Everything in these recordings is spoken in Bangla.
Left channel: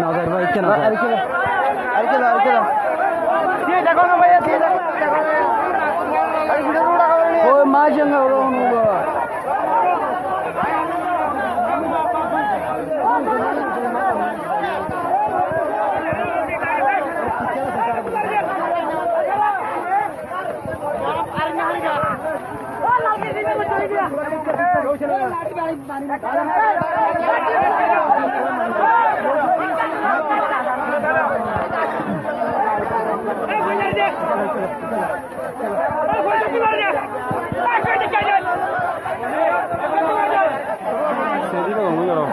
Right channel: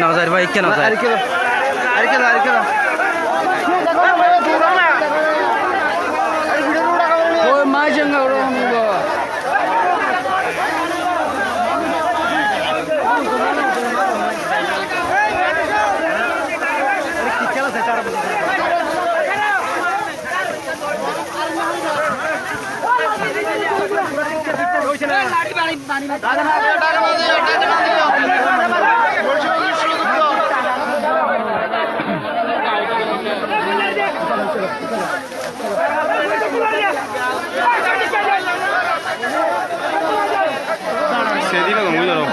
नजर भाई क्या नजर अरे किलो ओ मां जंगा 세디가 너무 잘하고.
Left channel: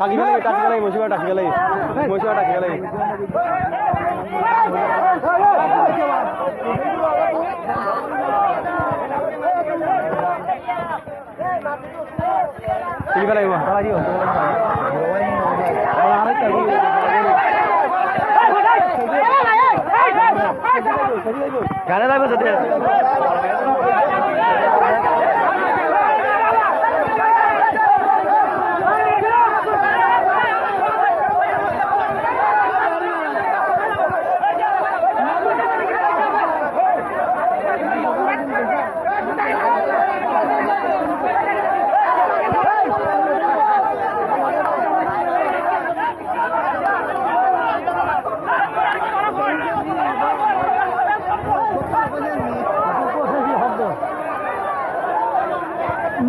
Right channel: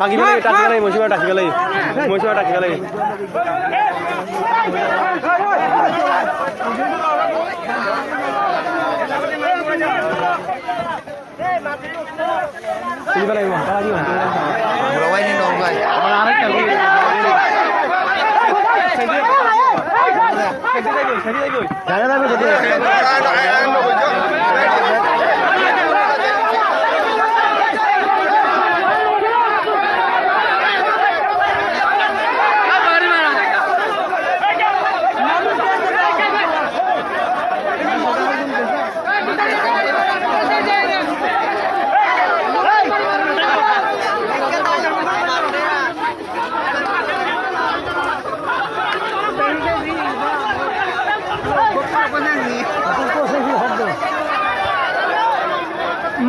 টাকি মশিবা টাকি গেলাই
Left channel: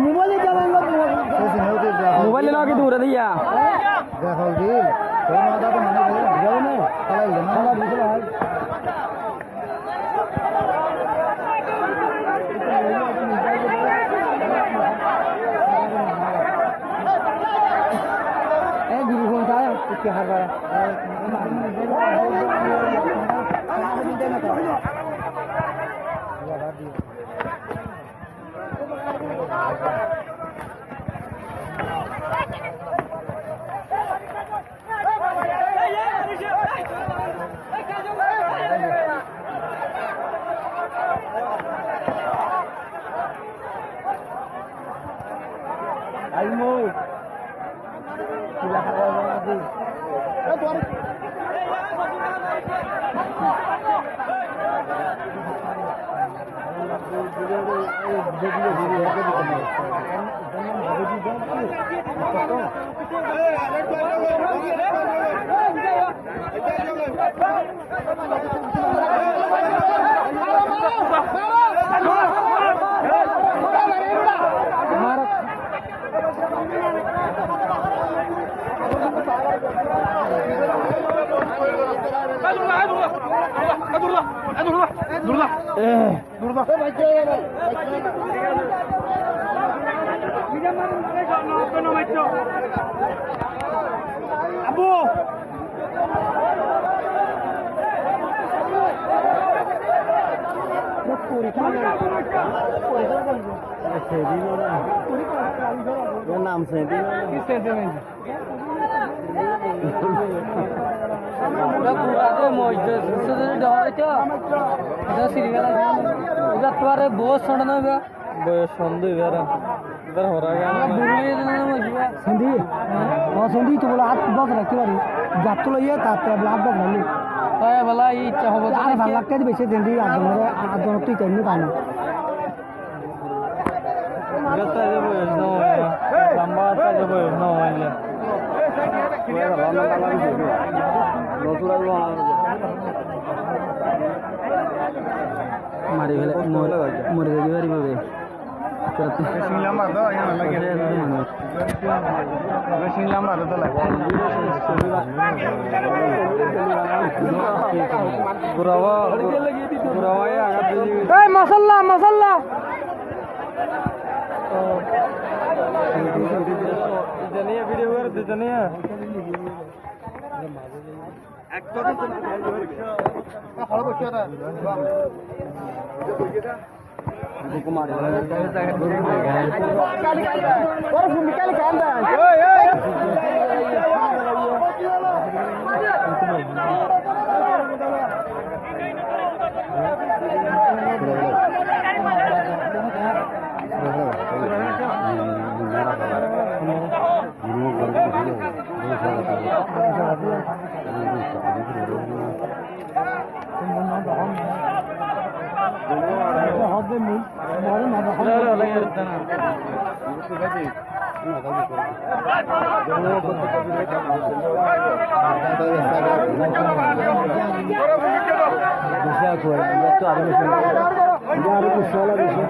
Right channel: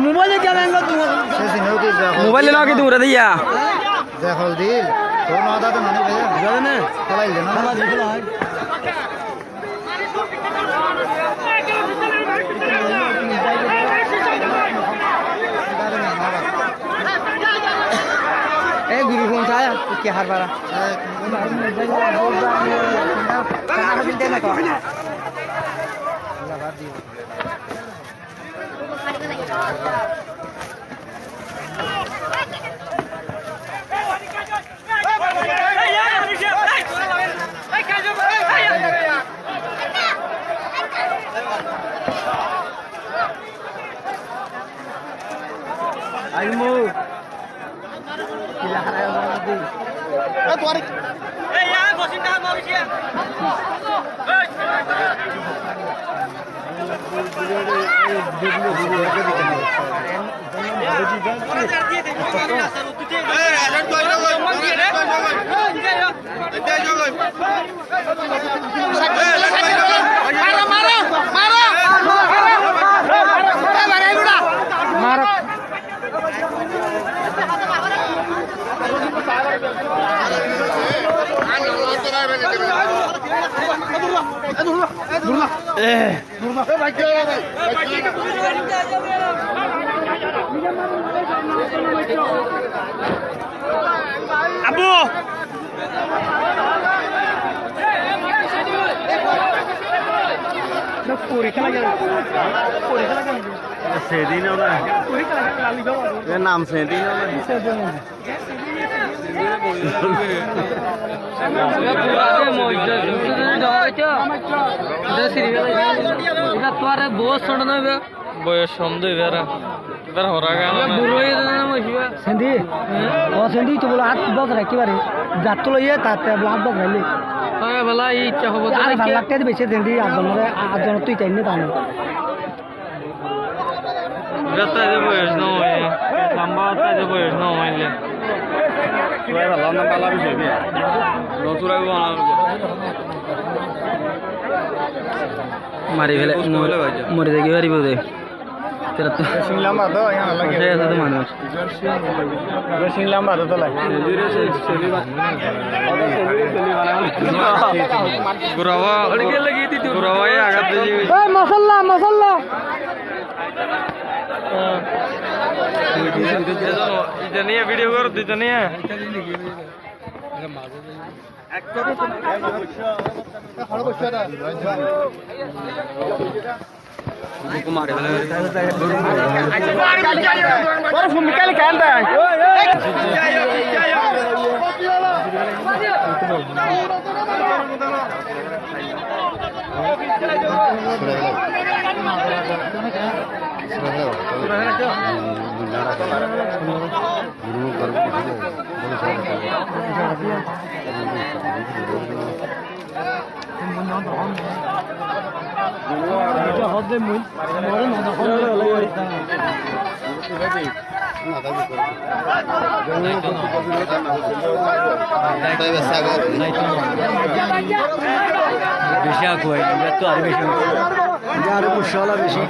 मोबाइल क्या लेंगे मोबाइल लेना कि दूर दिया देखो दिल तो ना आता तो मैंने भेजा ना चला ही लेना चला दिखला ए गुरु कौन सा है क्या हार वाला खाना भी देना तो लगा दियो Ayo Gila kaya tadi. Tarik. Ya, bosin dah mau siap. Abu पूरी खेला सेदी ने नाम सेदी बहुत बयस समझ इधर हो रहा सेंधी तो बोला 8 बग रखी बारी जात तो ये ताते 8 बग रही বলা এই ইচ্ছা হবো তো আর ভালো লাগতে বেশি দেন দি আজনের তুই চাইনি দানো যত যে বয়স ন হয় লম্বা তা যে বয়স ন হইলে তুই ভালো না পালা বিষয় দিয়ে নতুরা মারি ফেলে মরে দেখি পারিব দে তেরা তো সিংলা মার দাও এখানে লাগে সে আছে তো মানুষ সিংলা মার দাও লাগে গুরাওয়া গুরাওয়া আঘাত দিয়ে এই মাশাআল্লাহ এটা নিয়ে ভিডিও কর দিতে নিয়ে মারি ফেলে বেশি আগুয়াই তো আর বেশি আর মশলা বেশি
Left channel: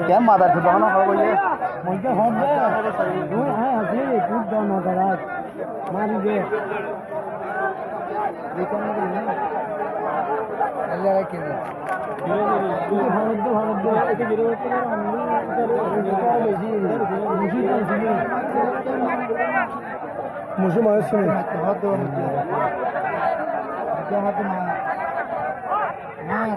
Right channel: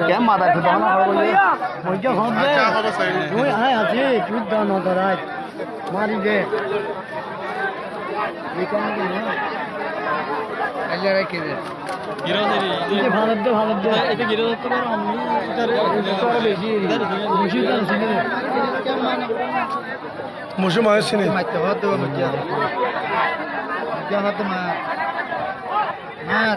क्या मादा तो दाना खड़ा हुई है মজা হবে ওই হ্যাঁ আছে তুই দানো দাঁড়াই মারি দে এখানে গেলে আল্লাহ রাখে দে এটা ভালো দে এটা গিরে ধরতে পারো আমি এটা বেশি মুশি তো সিনে मुझे मार से नहीं মারতে হাত দাও মজা মজা হাত মার মার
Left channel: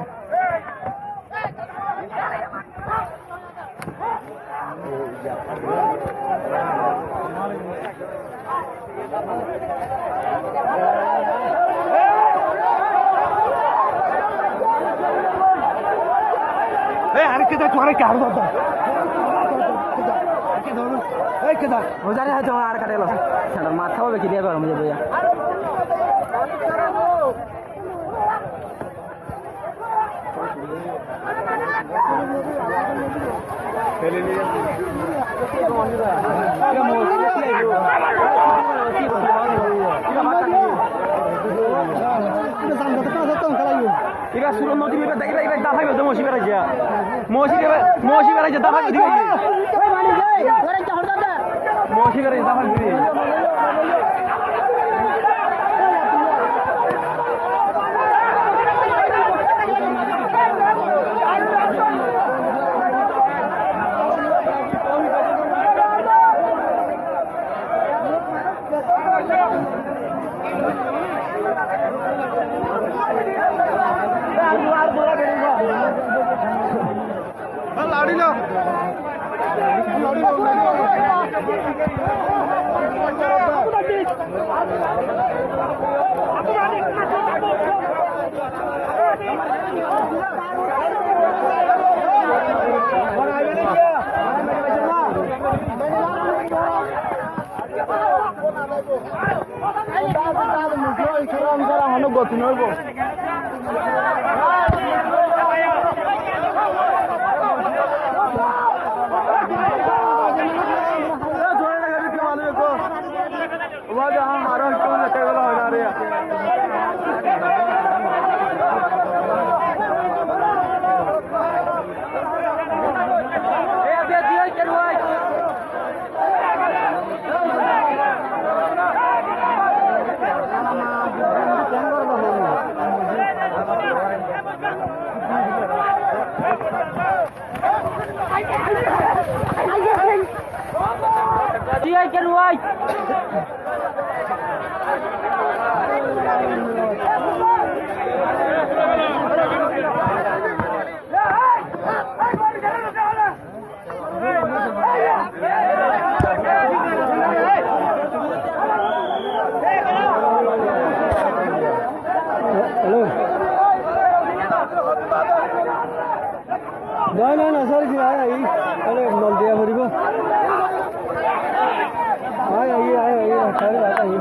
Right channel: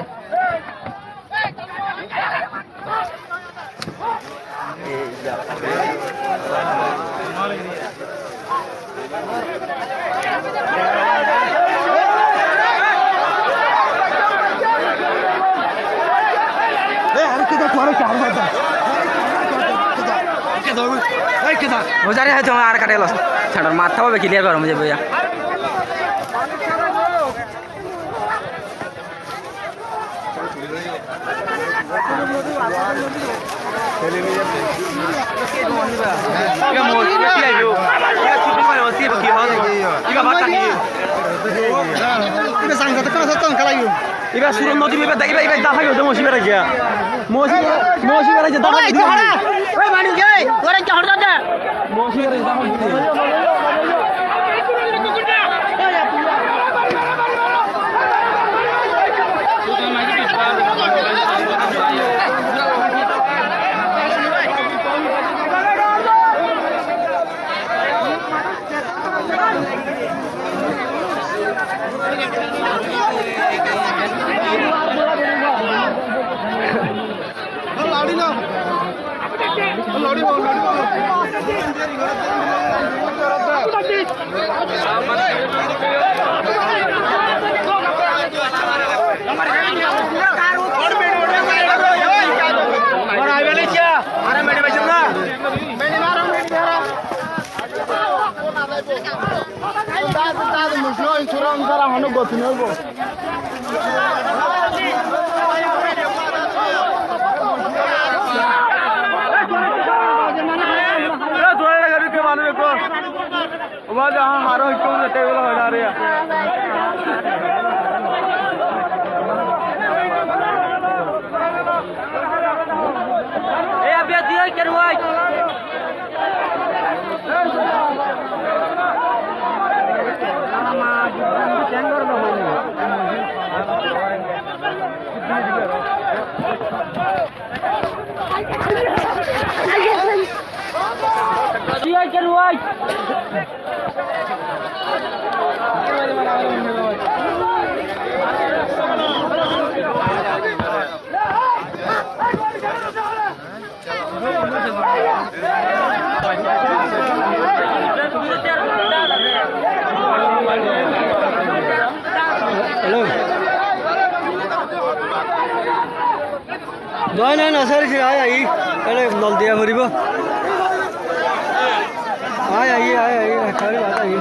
বুঝারে হয় তোমার আর কাটে গেল ছাড়ার মাথা হবে ক্লিয়ার করো মুঝে বইয়া এবার সুরন নদী এবার দেখি এবার দাফা গেল মসিবে রাখিয়া মসিবে রাখিয়া দাফা ওই বাড়ি যাই ঘরে কি হড় দাদা মসিবে রাখিয়া দাফা গেল নহয় নহয় নাচাৰিছে আই আহি নল দিয়া ফুৰিব আই আহি আহি আহি